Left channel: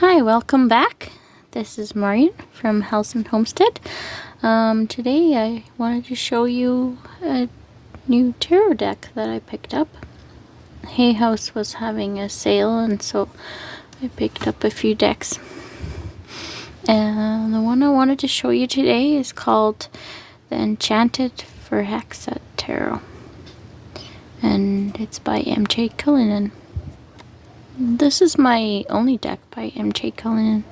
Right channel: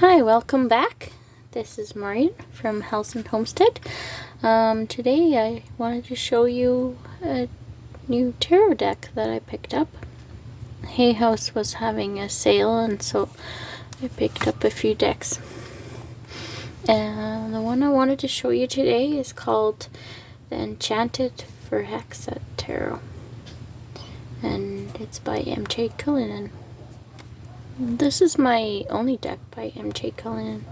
Hi, welcome back. This is Marion from House and Homestead. Today I wanted to show you a new tarot deck that I picked up. Hay House was having a sale, and so I picked up a few decks. And the one I wanted to show you today is called the Enchanted Förhäxa Tarot, and it's by M.J. Cullinan. This is my only deck by M.J. Cullinan.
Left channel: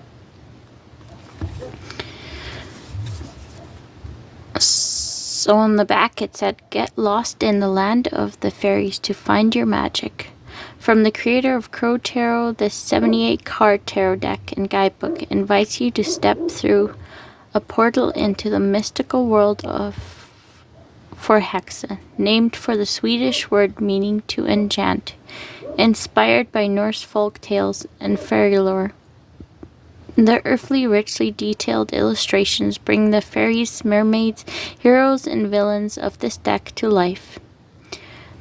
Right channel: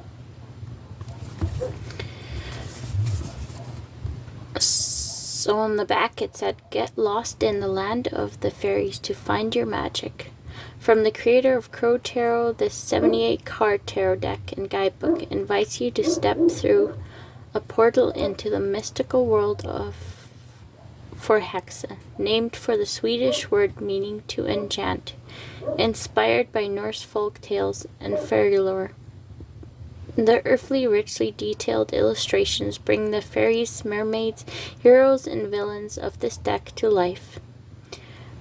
So on the back it said, "Get lost in the land of the fairies to find your magic." From the creator of Crow Tarot, this 78 card tarot deck and guidebook invites you to step through a portal into the mystical world of Förhäxa, named for the Swedish word meaning to enchant, inspired by Norse folk tales and fairy lore. The earthly, richly detailed illustrations bring the fairies, mermaids, heroes, and villains of this deck to life.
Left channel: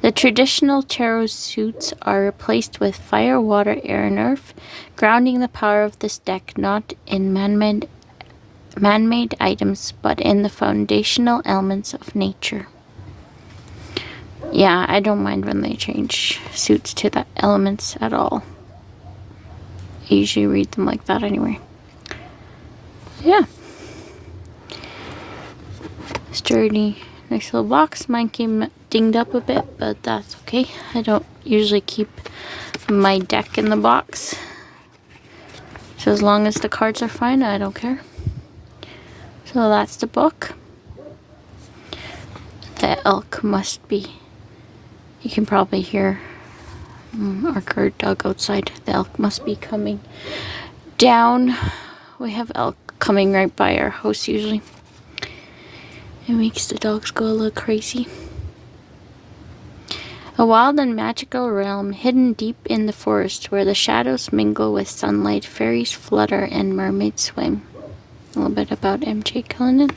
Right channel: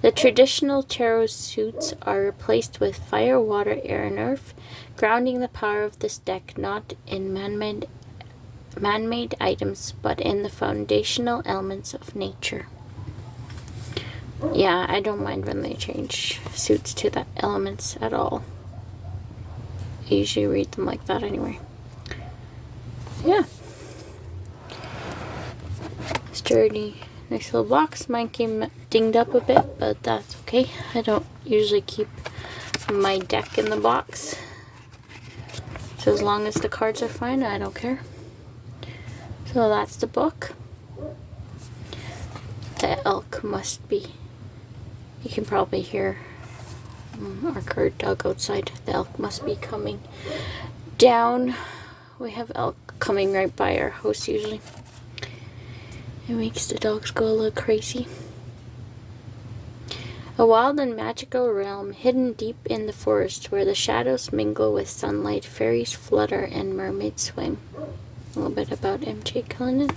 The traditional tarot suits are replaced with fire, water, air, and earth, grounding the power of this deck not in man-made items, but in the foundational elements of nature. Yeah, I don't mind when they change suits to the elements at all. I usually read them like that anyway. Yeah. Sturdy, nice little box. Mine came dinged up a bit, but that's okay. I don't usually keep my deck in the box. So as long as the cards are fine, I don't care. So that's the book. The elk must be. You can probably hear our guard dog outside. The elk must be coming down. We have elk coming right by our house usually. It makes the dogs go a little crazy. A wild and magical realm hidden deep in the forest where the shadows mingle with sunlight, fairies flutter, and mermaids swim. A little bit about M.J. Cullinan.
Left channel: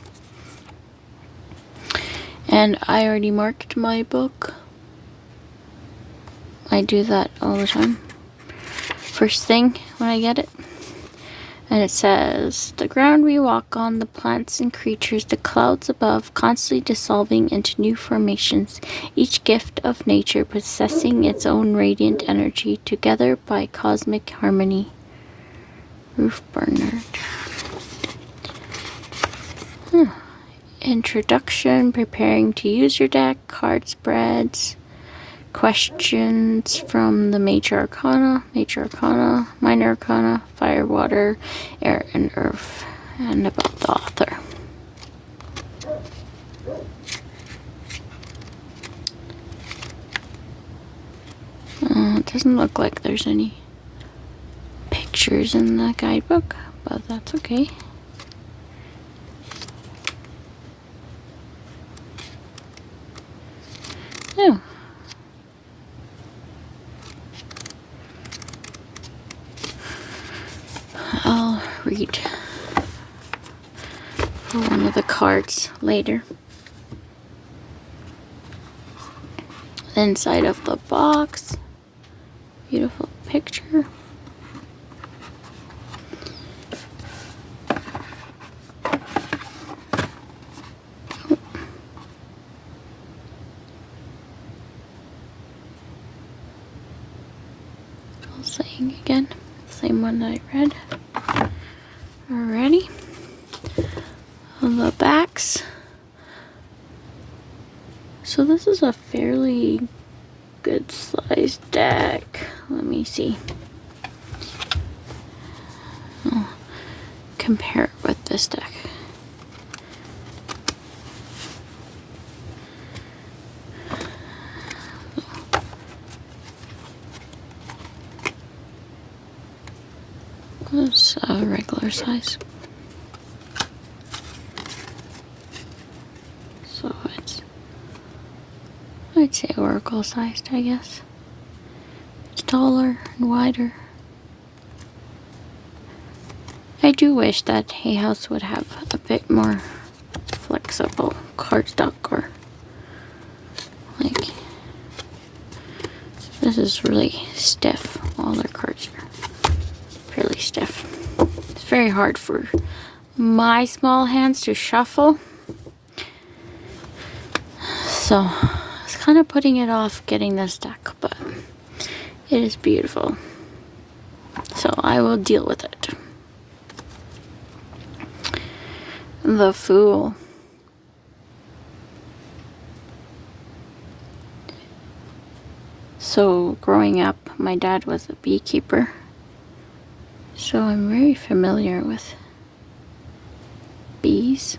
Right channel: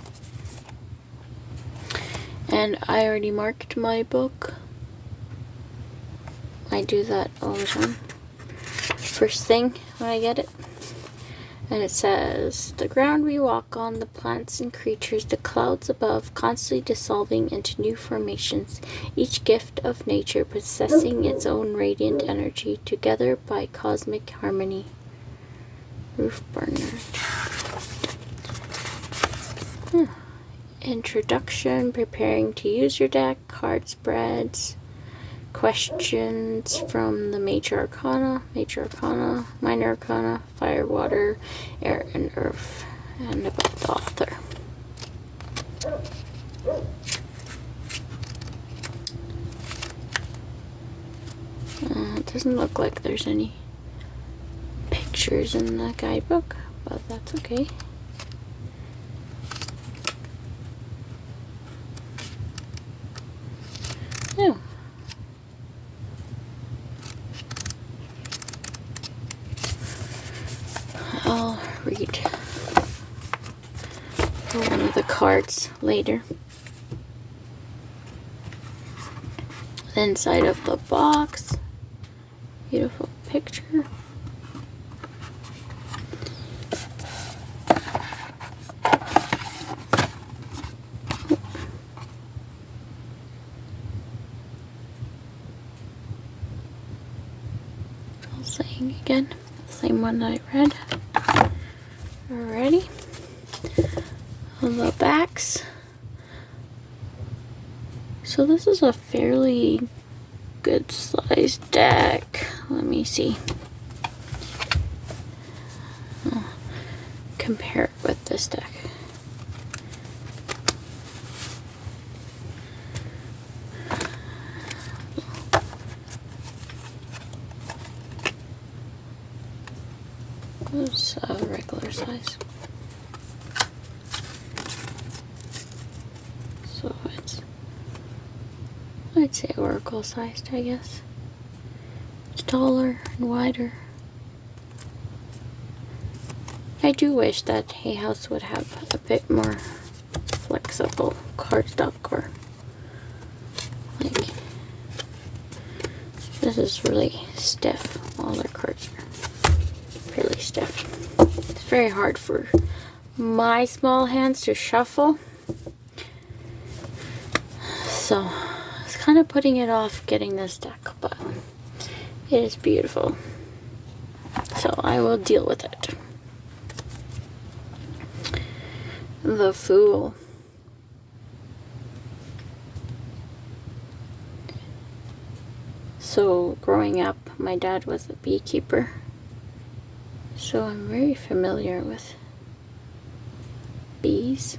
And I already marked my book. I do that all the time. First thing when I get it. And it says, "The ground we walk on, the plants and creatures, the clouds above, constantly dissolving into new formations, each gift of nature possessing its own radiant energy, together by cosmic harmony." Ruth Bernard. Introduction, preparing to use your deck, card spreads, questions from the major arcana, minor arcana, fire, water, air, and earth, and about the author. It doesn't look like there's any pictures in the guidebook, but that's okay. Oh. I'll read one of the cards later. Inside of the box, beautiful picture. Saying again, same one that I read already. The backs. So this is a fairly good sized deck. Let me see. I'll compare it with this deck. It's a regular size. So it's, I'd say oracle sized, I guess. It's taller and wider. I do wish that Hay House would have a bit more flexible cardstock, or like this is really stiff. All their cards are fairly stiff. It's very hard for my small hands to shuffle. So I was kind of putting it off getting this deck, but it is beautiful. So I will deal with it. The Fool. So growing up, my dad was a beekeeper. So I'm very familiar with bees.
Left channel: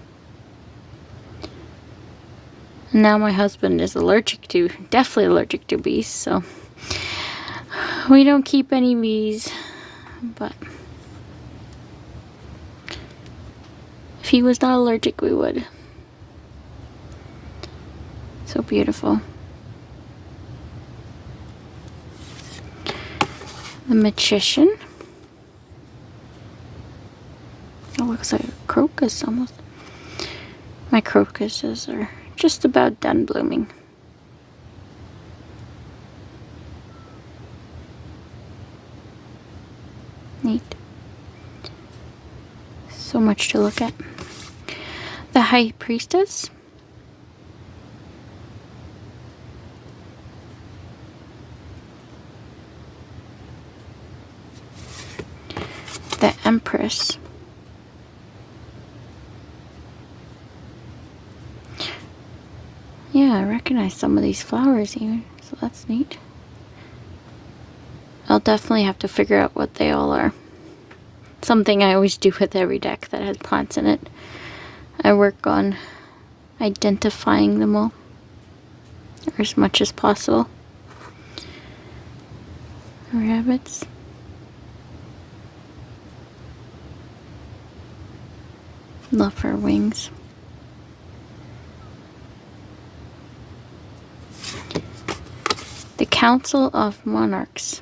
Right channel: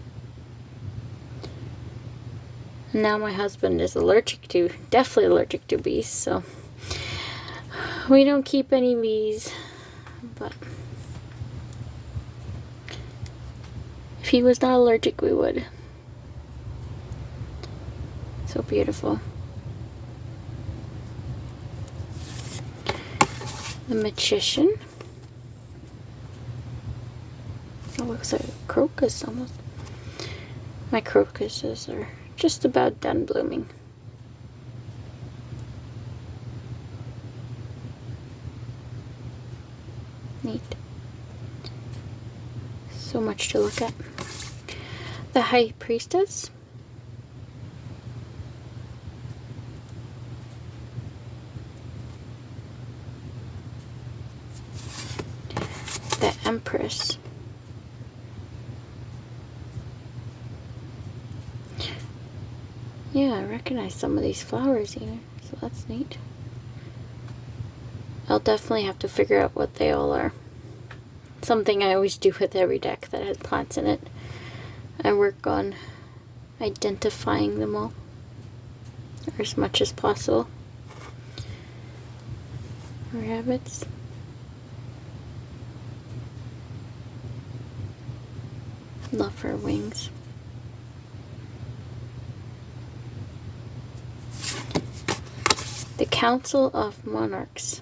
Now my husband is definitely allergic to bees, so we don't keep any bees, but if he was not allergic, we would. So beautiful. The Magician. It looks like a crocus almost. My crocuses are just about done blooming. Neat. So much to look at. The High Priestess. The Empress. Yeah, I recognize some of these flowers even, so that's neat. I'll definitely have to figure out what they all are. Something I always do with every deck that has plants in it. I work on identifying them all, or as much as possible. Rabbits. Love her wings. The Council of Monarchs.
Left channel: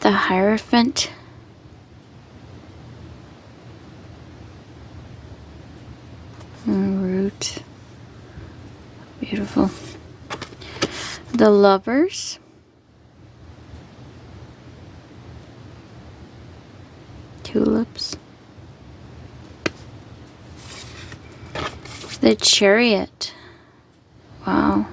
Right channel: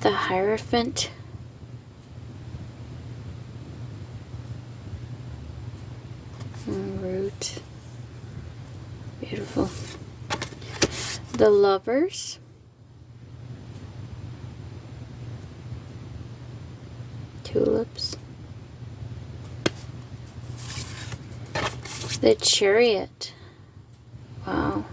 The Hierophant. Root. Beautiful. The Lovers. Tulips. The Chariot. Wow.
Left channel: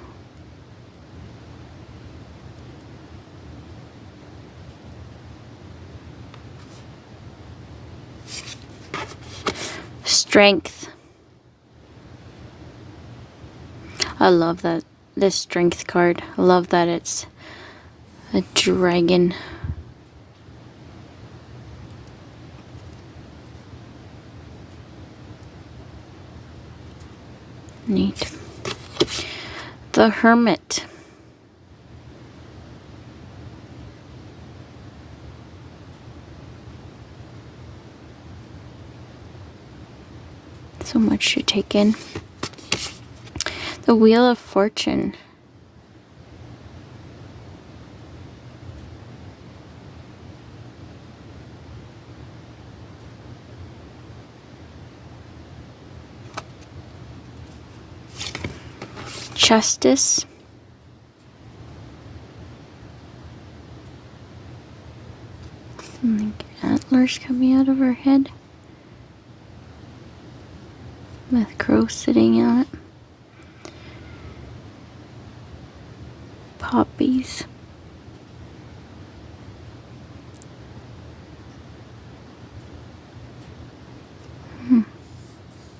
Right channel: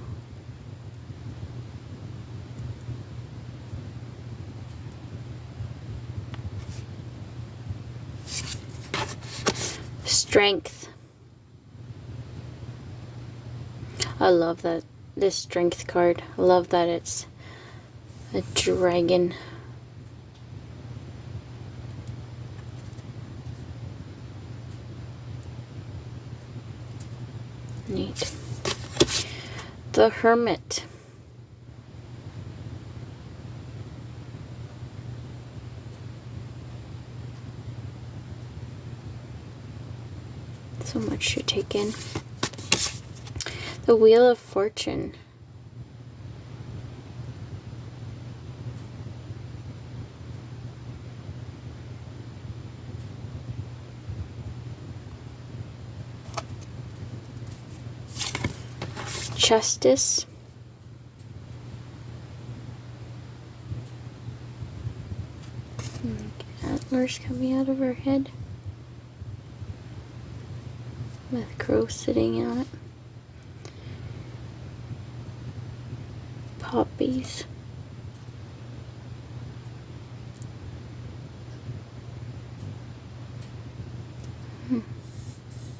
Strength. I love that, this Strength card. I love that it's a dragon. Neat. The Hermit. So much to take in. The Wheel of Fortune. Justice. Like antlers coming out of her head. With crow sitting on it. Poppies.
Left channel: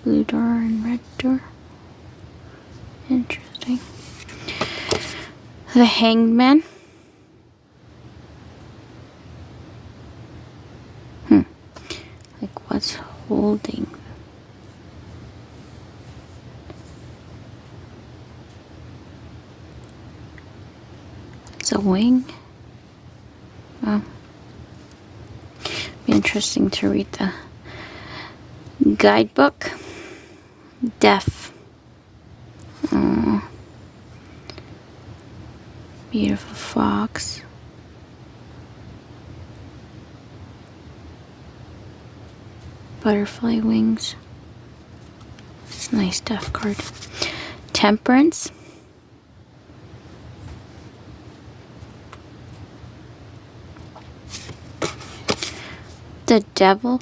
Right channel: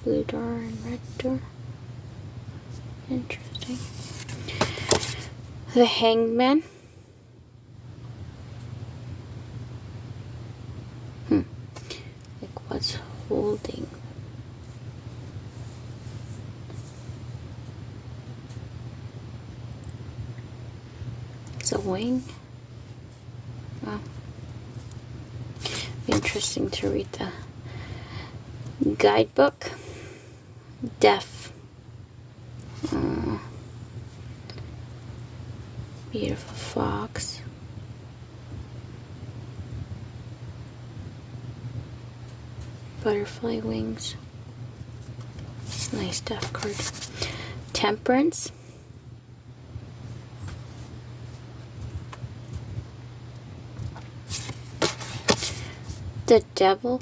Blue door and red door. Interesting. The Hangman. Like what's holding? It's a wing. Wow. Be interesting to read the guidebook. Deaf. Oh. Beautiful fox. Butterfly wings. Nice death card. Temperance. The Devil.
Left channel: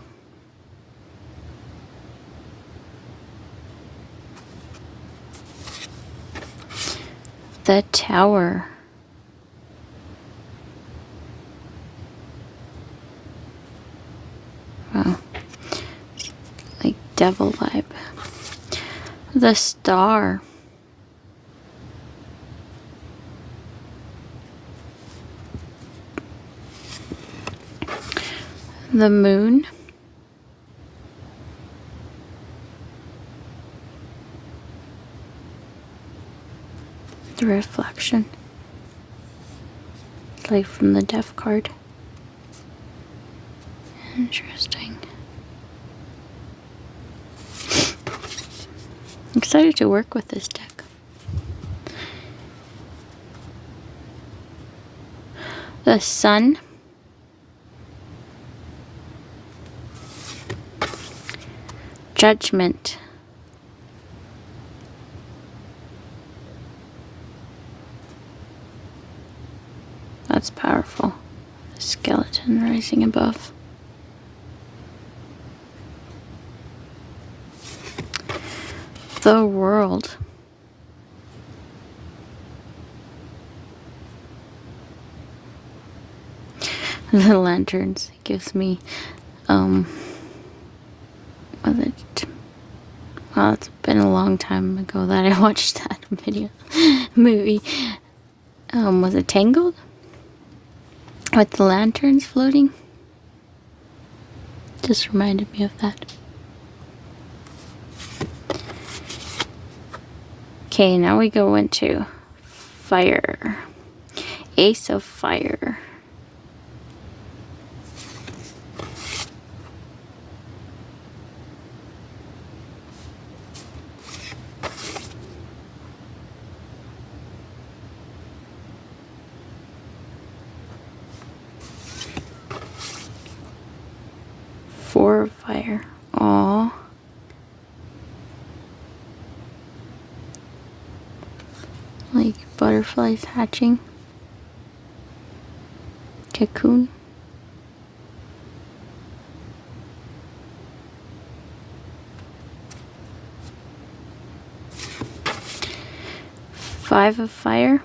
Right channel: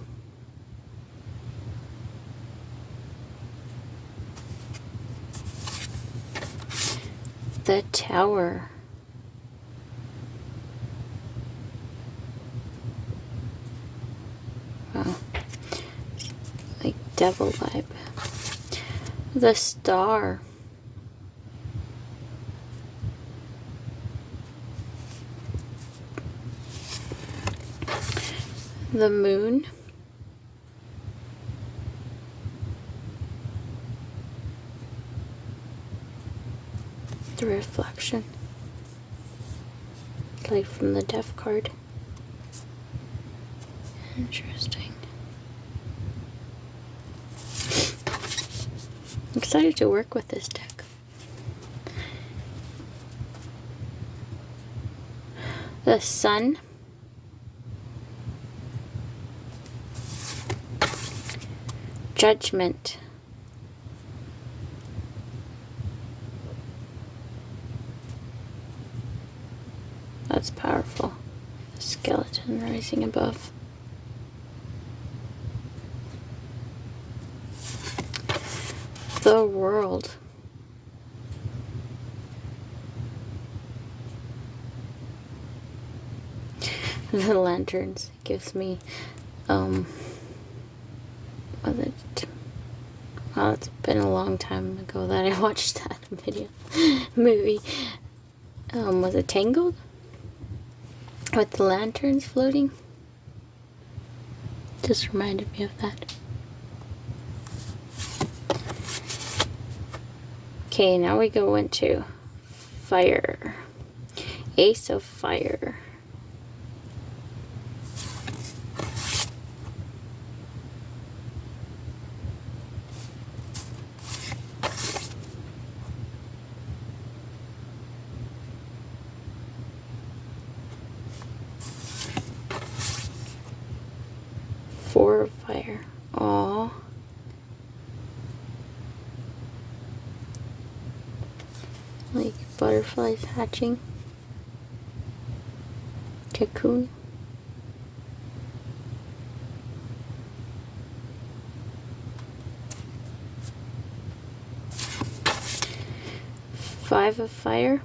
The Tower. Wow. Like devil vibe. The Star. The Moon. The Reflection. Like from the Death card. Interesting. I'm excited to work with this deck. The Sun. Judgment. That's powerful. The skeleton rising above. The World. The Lanterns. It gives me well, it's been a long time ago that I watched that movie. Was it Tangled? With the lanterns floating? Just reminded me of that. Okay, now we go into fire. Ace of Fire. Four of Fire. Aww. Like butterflies hatching. Cocoon. Five of Fire.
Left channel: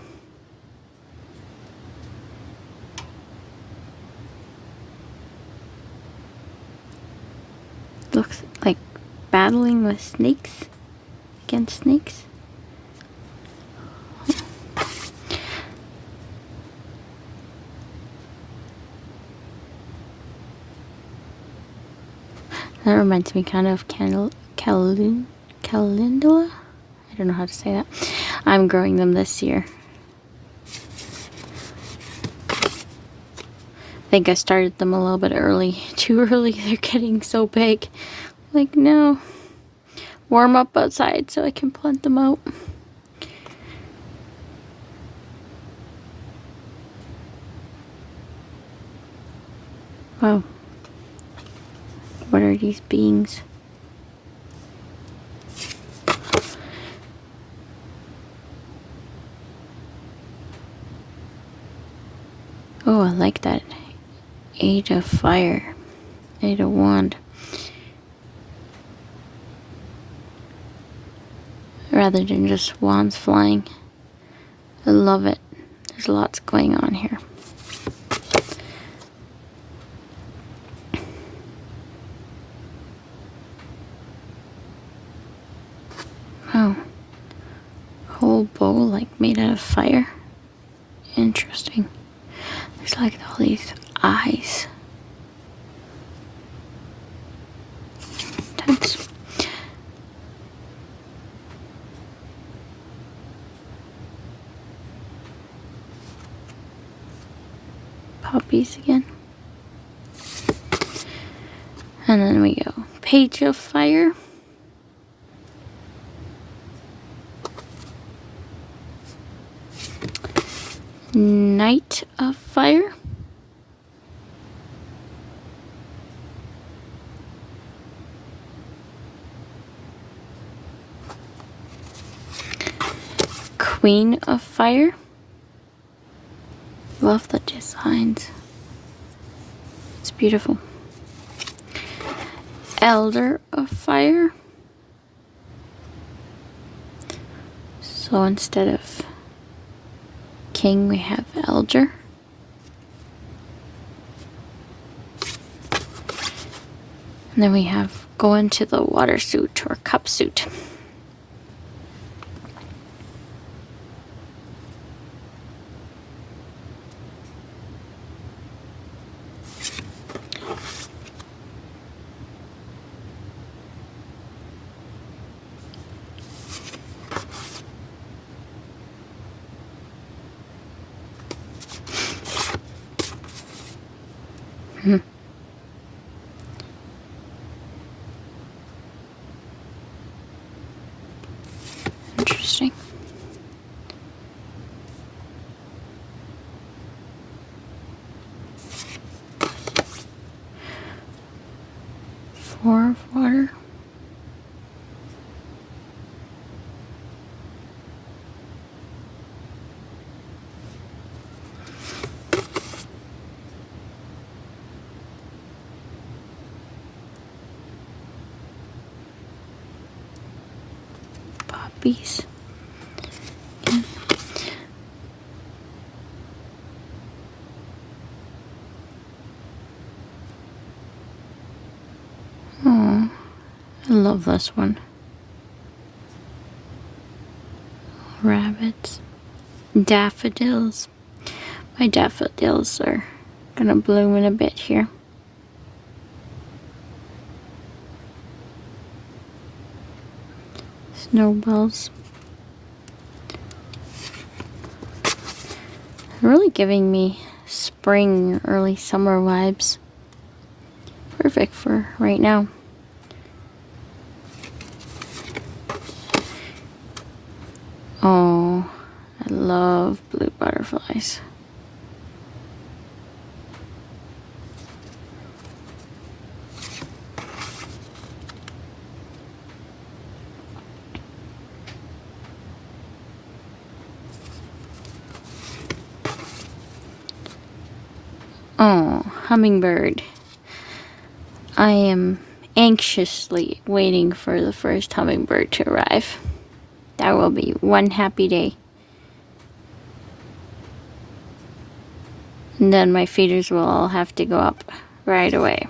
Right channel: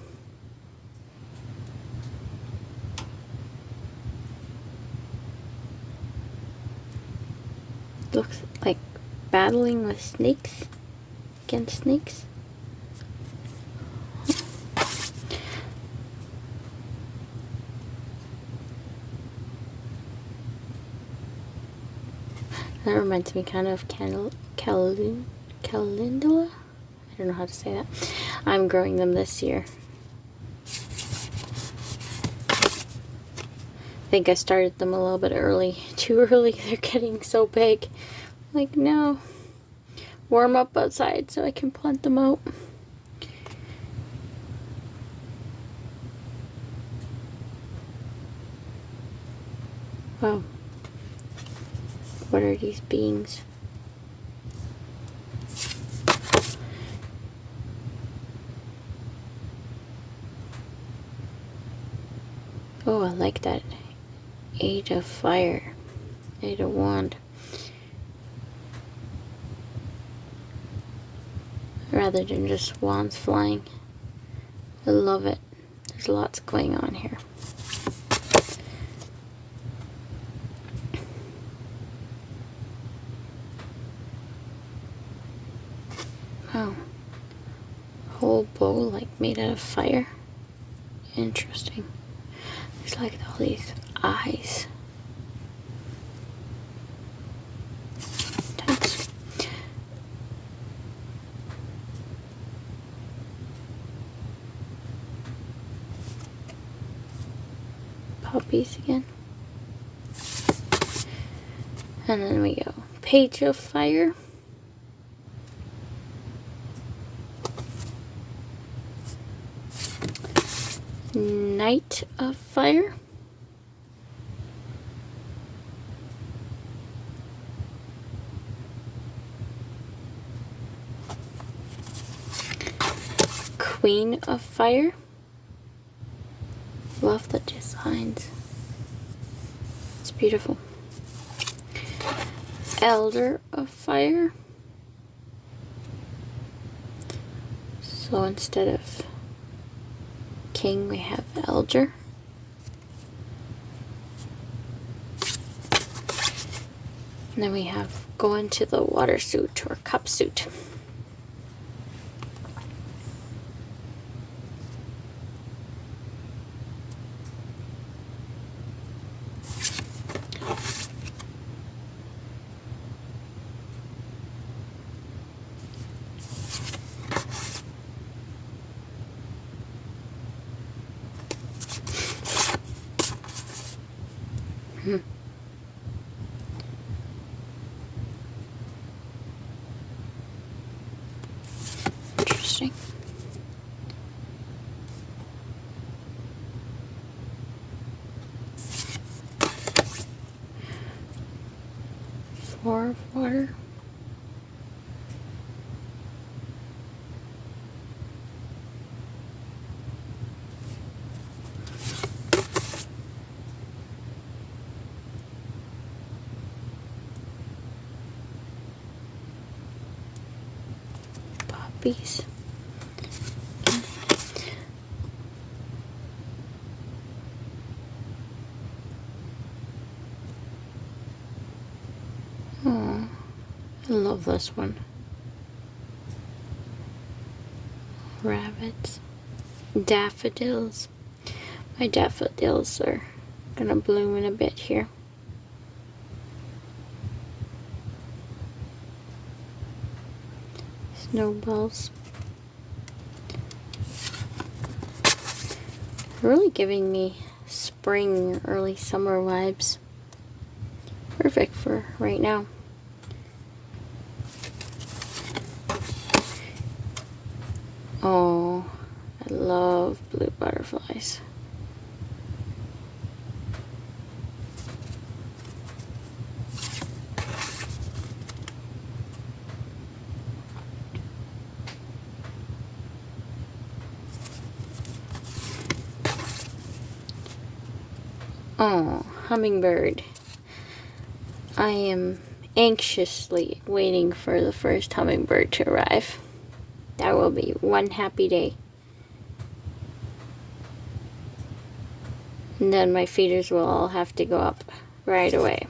Looks like battling with snakes. Against snakes. That reminds me kind of calendula. I don't know how to say that. I'm growing them this year. I think I started them a little bit early. Too early. They're getting so big. Like, no. Warm up outside so I can plant them out. Wow. What are these beings? Oh, I like that. Eight of Fire. Eight of Wand. Rather than just wands flying. I love it. There's lots going on here. Wow. Whole bowl like made out of fire. Interesting. There's like all these eyes. Tense. Puppies again. And then we go Page of Fire. Knight of Fire. Queen of Fire. Love the designs. It's beautiful. Elder of Fire. So instead of king, we have elder. And then we have go into the water suit or cup suit. Interesting. Four of water. Poppies. Oh, I love this one. Rabbits. Daffodils. My daffodils are gonna bloom in a bit here. Snowballs. Really giving me spring, early summer vibes. Perfect for right now. Oh, I love blue butterflies. Oh, hummingbird. I am anxiously waiting for the first hummingbird to arrive. That will be one happy day. And then my feeders will all have to go up right away.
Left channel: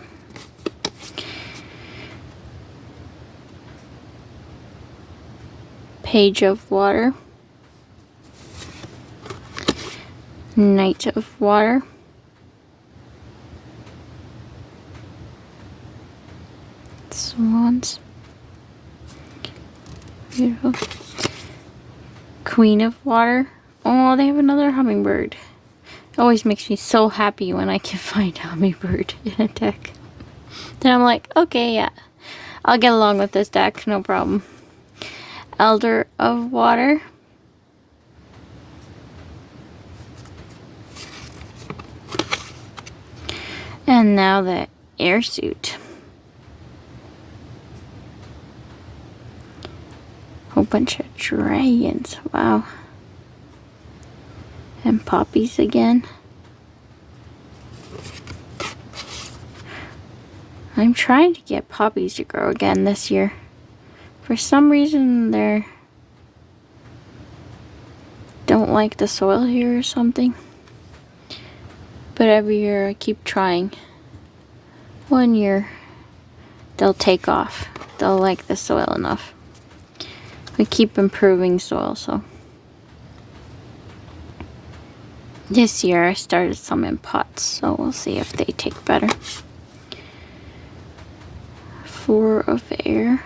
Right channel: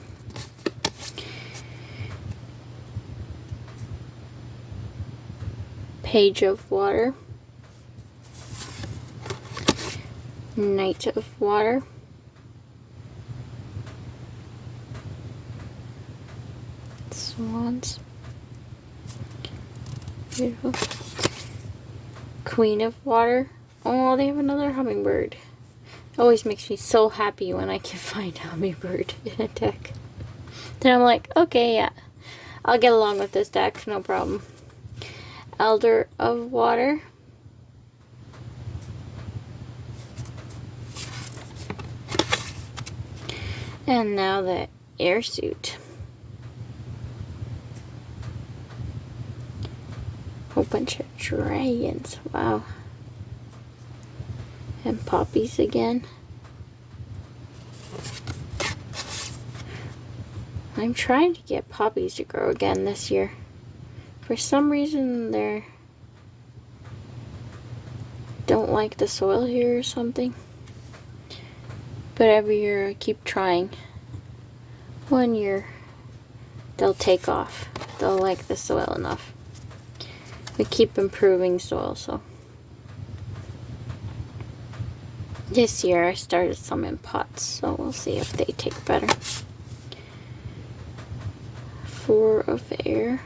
Page of water. Knight of water. Swans. Beautiful. Queen of water. Oh, they have another hummingbird. It always makes me so happy when I can find a hummingbird in a deck. Then I'm like, okay, yeah, I'll get along with this deck, no problem. Elder of water. And now the air suit. Whole bunch of dragons. Wow. And poppies again. I'm trying to get poppies to grow again this year. For some reason they don't like the soil here or something. But every year I keep trying. One year they'll take off. They'll like the soil enough. We keep improving soil, so. This year I started some in pots, so we'll see if they take better. Four of air.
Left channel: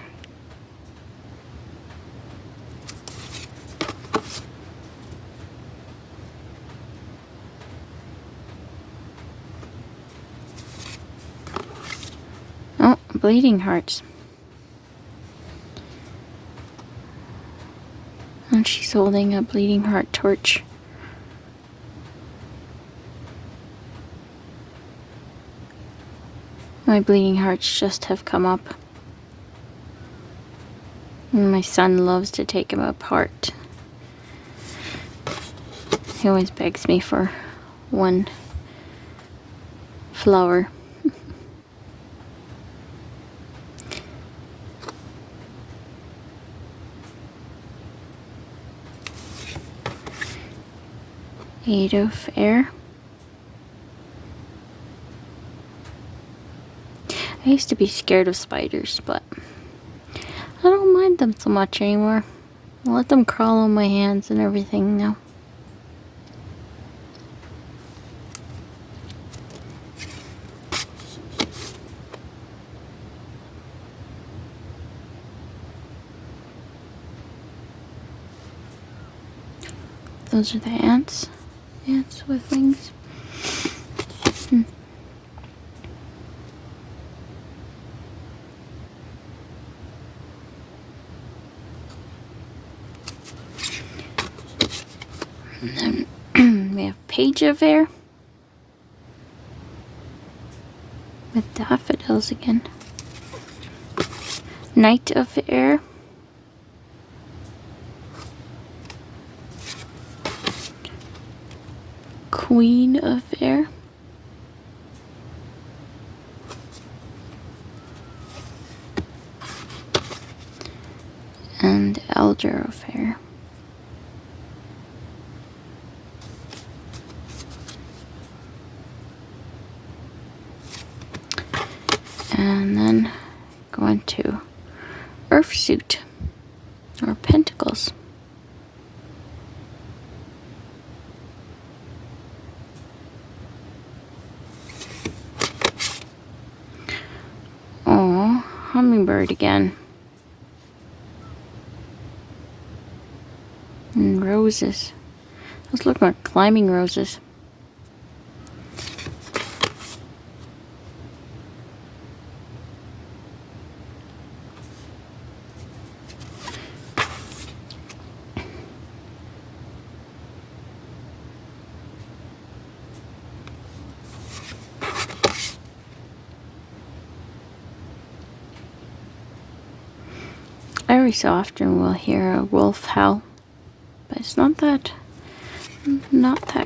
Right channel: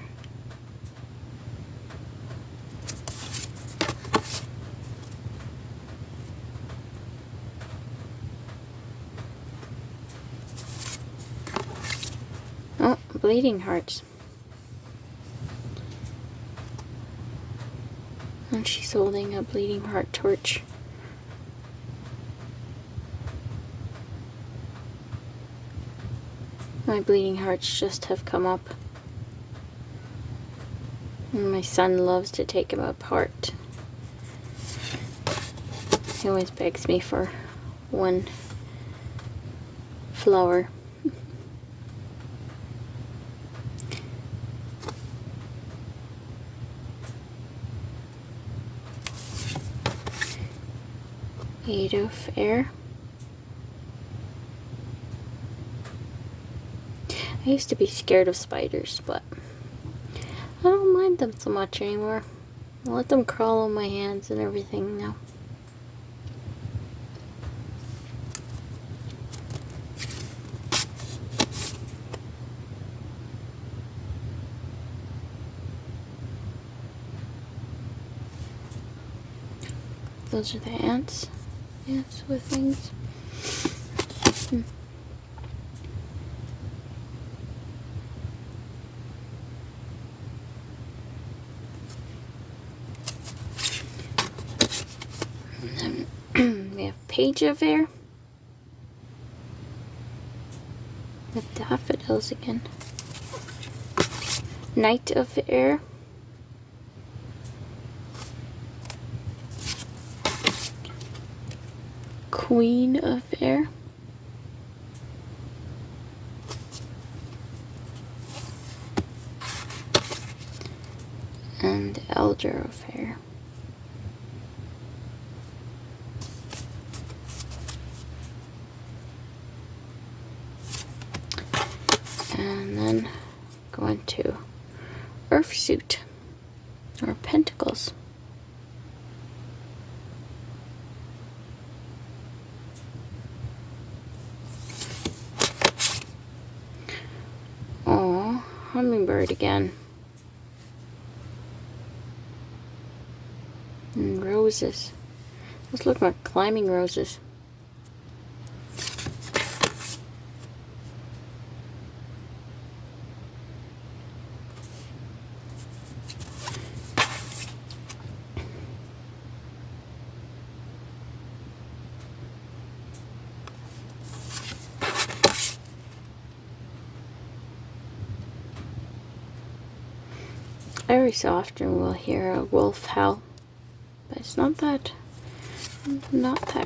Oh, bleeding hearts. And she's holding a bleeding heart torch. My bleeding hearts just have come up. And my son loves to take them apart. He always begs me for one flower. Eight of air. I used to be scared of spiders, but I don't mind them so much anymore. I let them crawl on my hands and everything now. Those are the ants. Ants with wings. And then we have Page of Air with daffodils again. Knight of Air. Queen of Air. And Elder of Air. And then going to Earth Suit or Pentacles. Oh, hummingbird again. And roses. Those look like climbing roses. Every so often we'll hear a wolf howl, but it's not that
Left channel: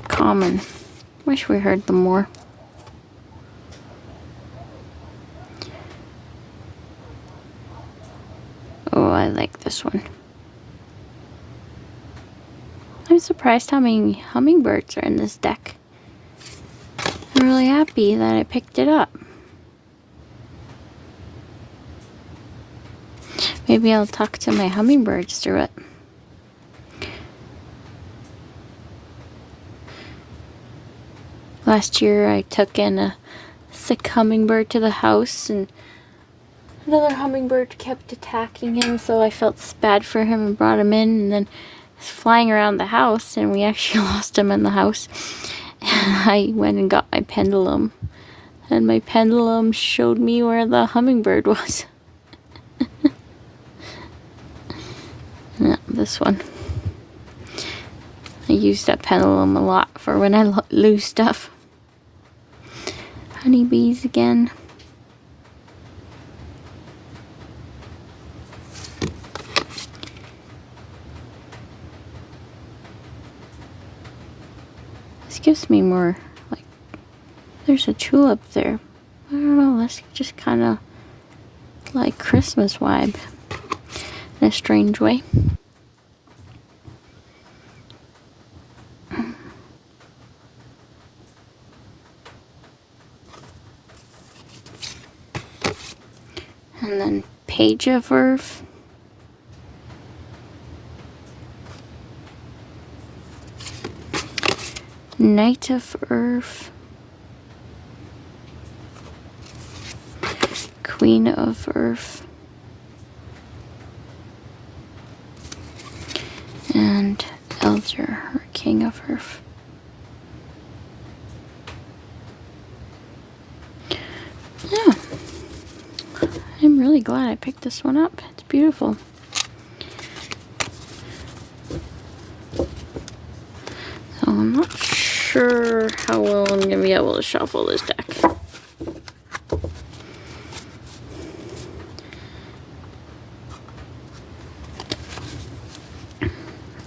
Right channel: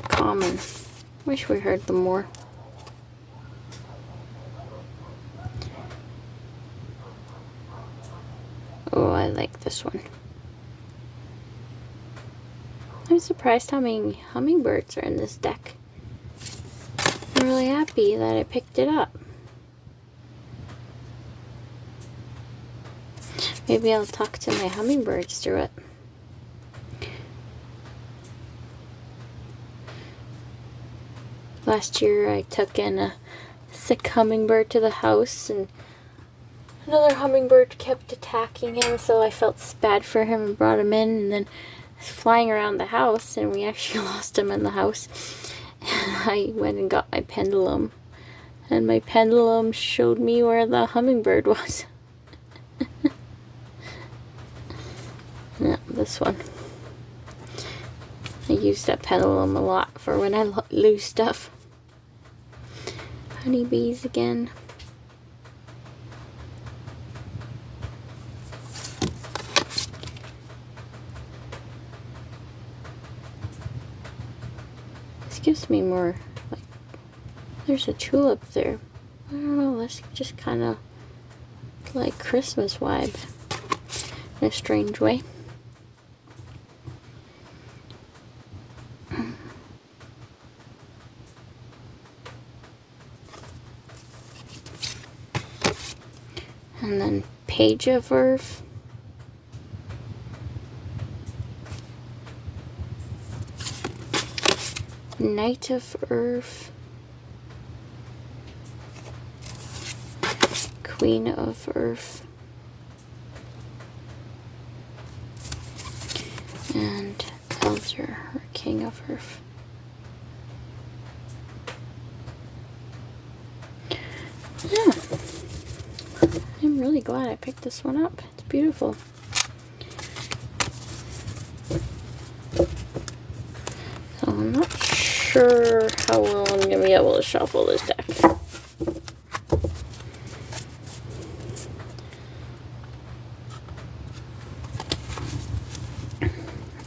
common. Wish we heard them more. Oh, I like this one. I'm surprised how many hummingbirds are in this deck. I'm really happy that I picked it up. Maybe I'll talk to my hummingbirds through it. Last year I took in a sick hummingbird to the house, and another hummingbird kept attacking him, so I felt bad for him and brought him in, and then flying around the house, and we actually lost him in the house. And I went and got my pendulum, and my pendulum showed me where the hummingbird was. Yeah, this one. I use that pendulum a lot for when I lose stuff. Honeybees again. This gives me more, like, there's a tulip there. I don't know, that's just kind of like Christmas vibe in a strange way. And then Page of Earth. Knight of Earth. Queen of Earth. And Elder, or King of Earth. Yeah. I'm really glad I picked this one up. It's beautiful. So I'm not sure how well I'm going to be able to shuffle this deck.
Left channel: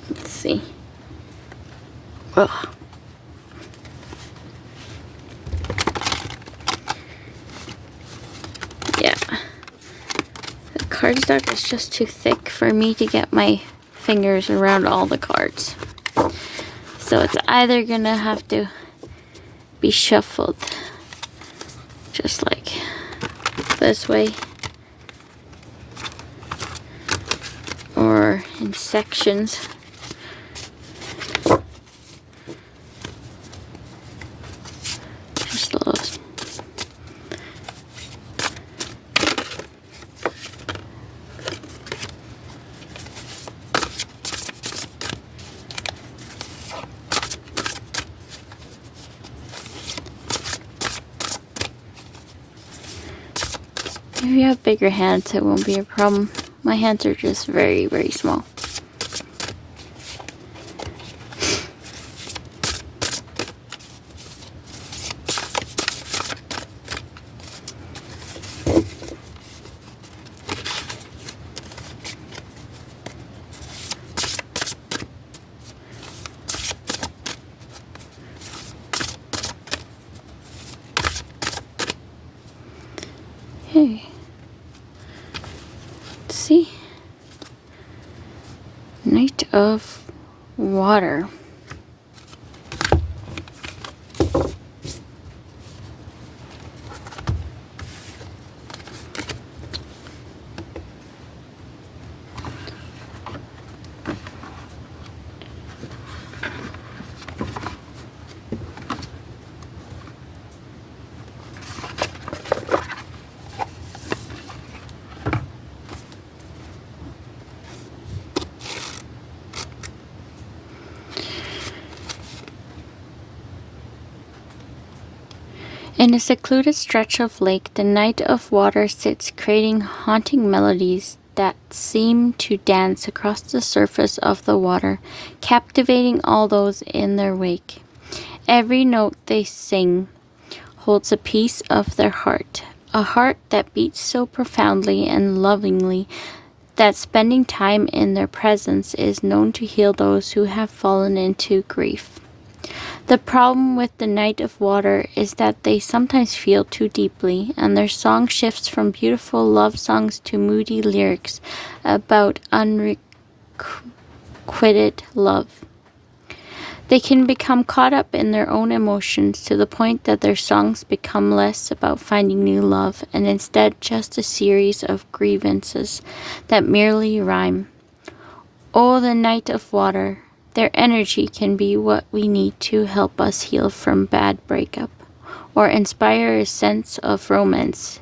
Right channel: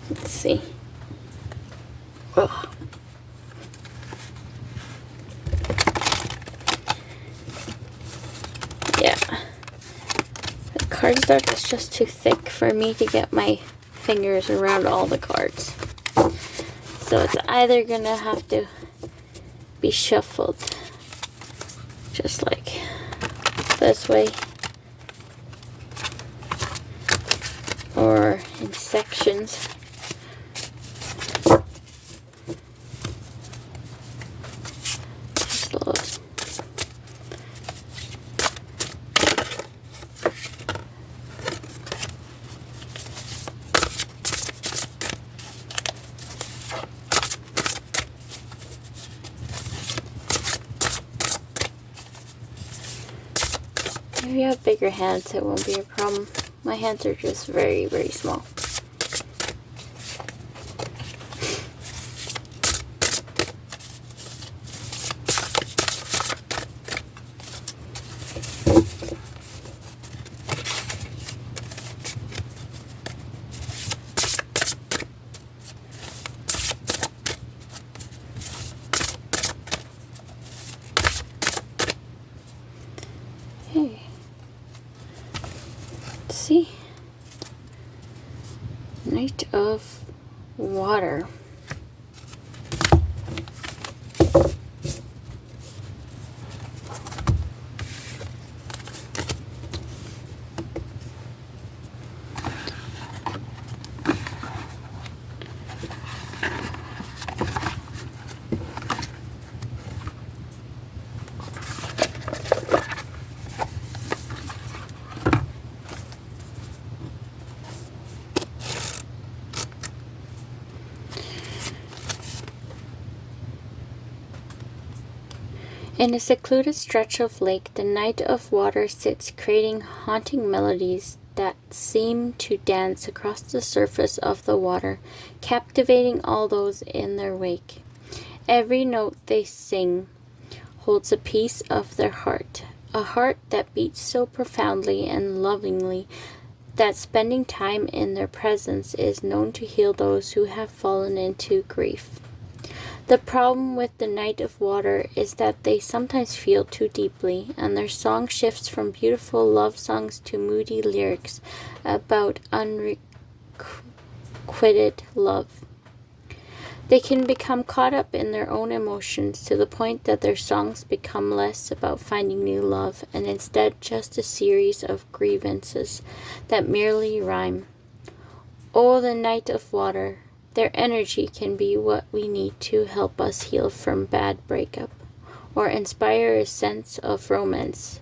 Let's see. Ugh. Yeah. The cardstock is just too thick for me to get my fingers around all the cards. So it's either gonna have to be shuffled just like this way, or in sections. Just a little. If you have bigger hands, it won't be a problem. My hands are just very, very small. Okay. Let's see. Knight of Water. In a secluded stretch of lake, the Knight of Water sits, creating haunting melodies that seem to dance across the surface of the water, captivating all those in their wake. Every note they sing holds a piece of their heart, a heart that beats so profoundly and lovingly that spending time in their presence is known to heal those who have fallen into grief. The problem with the Knight of Water is that they sometimes feel too deeply, and their song shifts from beautiful love songs to moody lyrics about unrequited love. They can become caught up in their own emotions to the point that their songs become less about finding new love and instead just a series of grievances that merely rhyme. Oh, the Knight of Water. Their energy can be what we need to help us heal from bad breakup, or inspire a sense of romance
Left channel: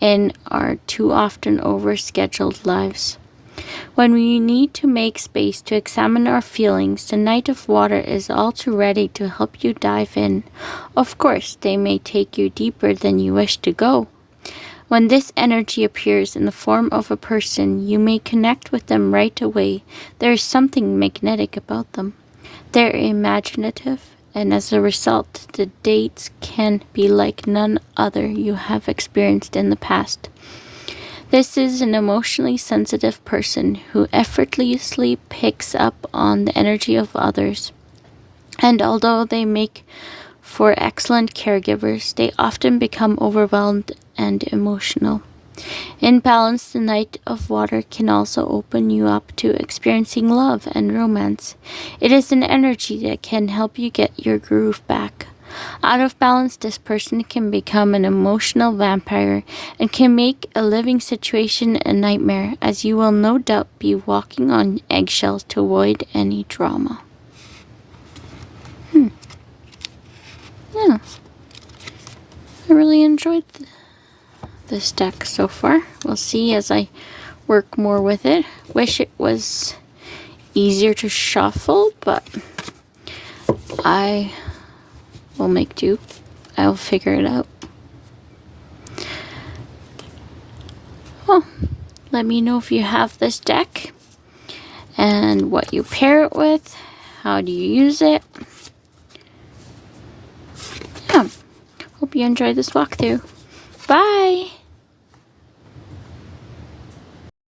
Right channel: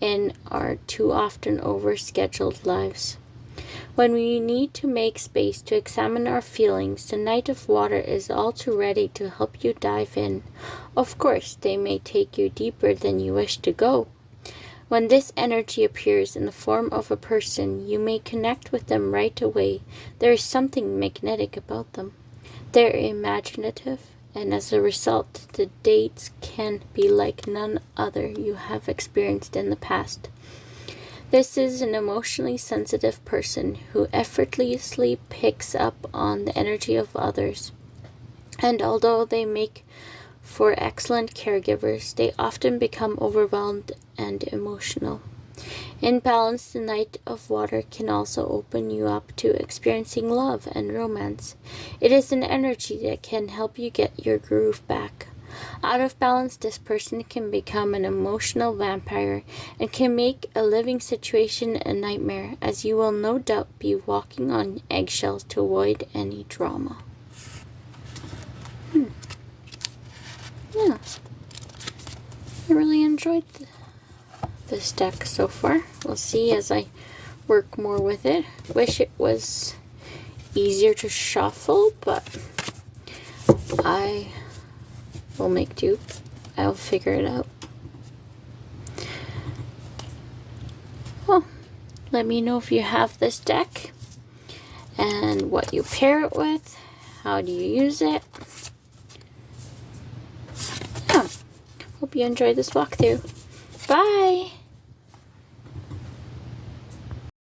in our too often overscheduled lives. When we need to make space to examine our feelings, the Knight of Water is all too ready to help you dive in. Of course, they may take you deeper than you wish to go. When this energy appears in the form of a person, you may connect with them right away. There is something magnetic about them. They're imaginative, and as a result, the dates can be like none other you have experienced in the past. This is an emotionally sensitive person who effortlessly picks up on the energy of others. And although they make for excellent caregivers, they often become overwhelmed and emotional. In balance, the Knight of Water can also open you up to experiencing love and romance. It is an energy that can help you get your groove back. Out of balance, this person can become an emotional vampire and can make a living situation a nightmare, as you will no doubt be walking on eggshells to avoid any drama. Yeah, I really enjoyed this deck so far. We'll see as I work more with it. Wish it was easier to shuffle, but I will make do. I'll figure it out. Well, let me know if you have this deck and what you pair it with. How do you use it? Yeah. Hope you enjoyed this walkthrough. Bye!